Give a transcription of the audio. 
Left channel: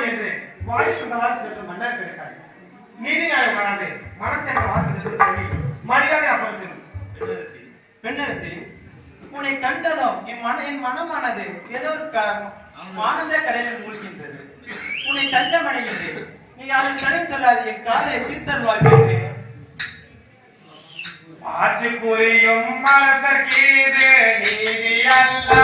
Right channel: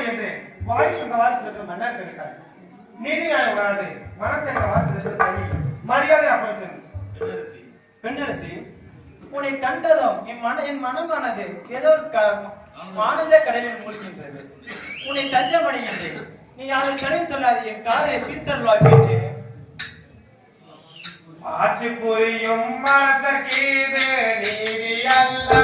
அப்படி என்று வாய் சொன்னவாறு மன்னர் கிடைக்காது. நீதியாயம் வராது. மனச்சங்க வார்த்தை தள்ளி மரியாதை அப்பத்தில். பெண்ணரசி, உன்னை கண்டதும் என் மனமானது ஏதோ ஆனந்த கடலில் மூழ்கின்றது. உன்னை தஞ்சமடைகின்றேன். நீ அதன் கடன் சொல்லாது என் காதலை தீர்த்தருள்வாய். ஆட்சி புரியும் மனதற்கீது நீதி அல்ல.